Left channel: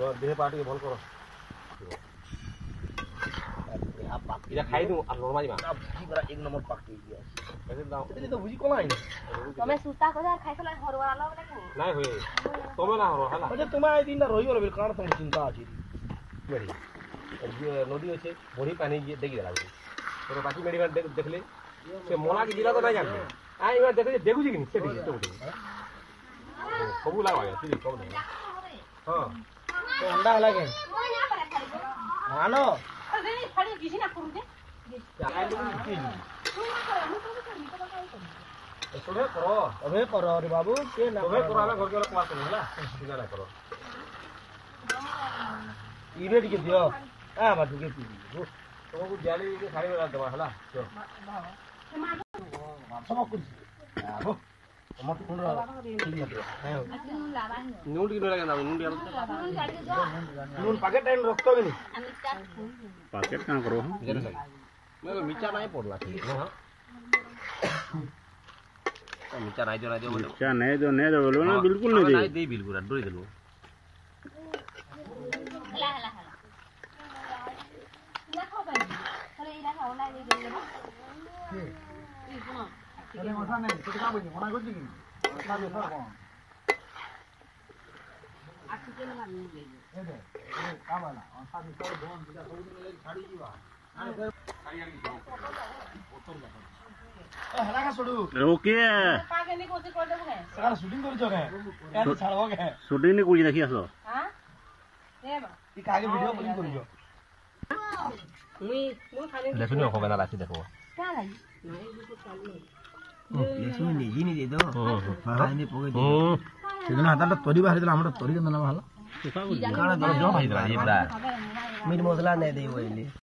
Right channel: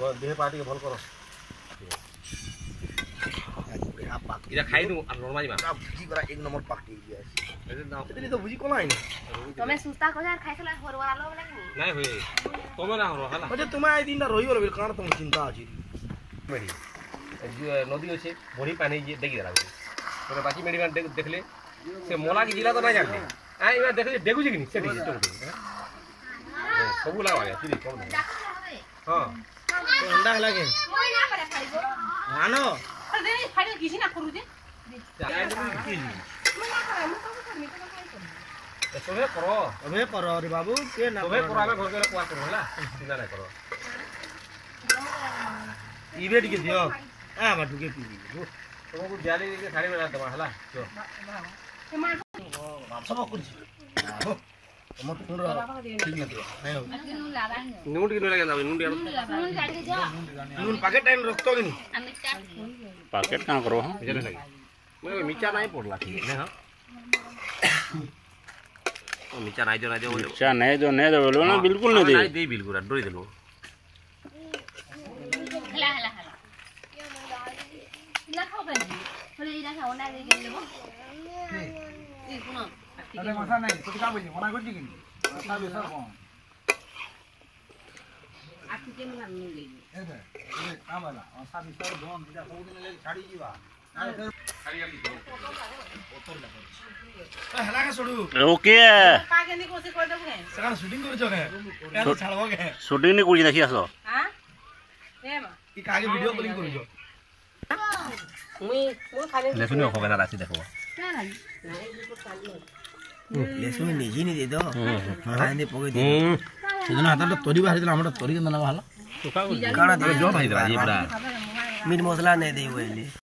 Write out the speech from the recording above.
तो देह पार्टी के भल करो इरा खाई दू आ नॉर्मल मा भुजी बरा एक नंबर पार्टी दिया ऐसे दाओ तेली तो भुजी कोना आइने तमे सुस्ता को जा खाइ सला हरवाला लो नै नहीं हुई तमे ना हरो हला अजे तुम आई दिन रही बोल कारण तुम चिंता अछि मेरी नदी अच्छे बड़ी पानी देखी देला तो बाकी मेरी देखले से मोला की जिला तो नहीं जानते आ इबा देखले देखु छी कि से ठीक तो सब लगा गया तीरी कम हां तो अंडा हला के मानो अरे फाड़ी किसी ना करू जे सबे करो अबे करो रे बाबू के ना सबे करो आबे घर के कुआ करो हला चिंता ना करो इबे के दियो आ बाटू के पी तुमको जाली के खाली बेला दवा हला जो सब कुछ हम तो पूरा ठीक है नून किलो लगे ना नून नून पैकेट टाइम रखतो कि नहीं पैकेट का करो हां इधर लगे मैं मिर्चा नहीं पड़ला ठीक है हां मिर्चा नहीं जो मिर्चा नहीं जो बोलो ना बिल्कुल नहीं नहीं दे बिल्कुल डोरी देलो हला हला हला ना खाओ गनी हले इना खाओ ना दे गेलेबो ई पुनो अरे मसा नहीं तो का बोली मना करजी कि मसा बेसर कोन आखि के मन नहीं गई ए दे ए का वाला मसा बेसर जोन पूजा को दिन ले छाड़ी जीवा खाली खाली दो बोतल लगा ए हला का छोड़ू ओके का के नी कोशिश कर दबो के सका शूटिंग कर जगे क्या छाड़बो के शूटिंग नहीं करी देखि आसो हां ए बा ई कागे वीडियो कॉलिंग कर जो मुई खाली ले सुनियो होगा ना राशि देखो क्या लगी लेसु निजी नहीं दे दो हां दे पगे दे सेदिन हाता तोरी बाहर दिला हमर तोरी के ना बाहला काना दे जो भाई मीट मसाला नहीं दे बोले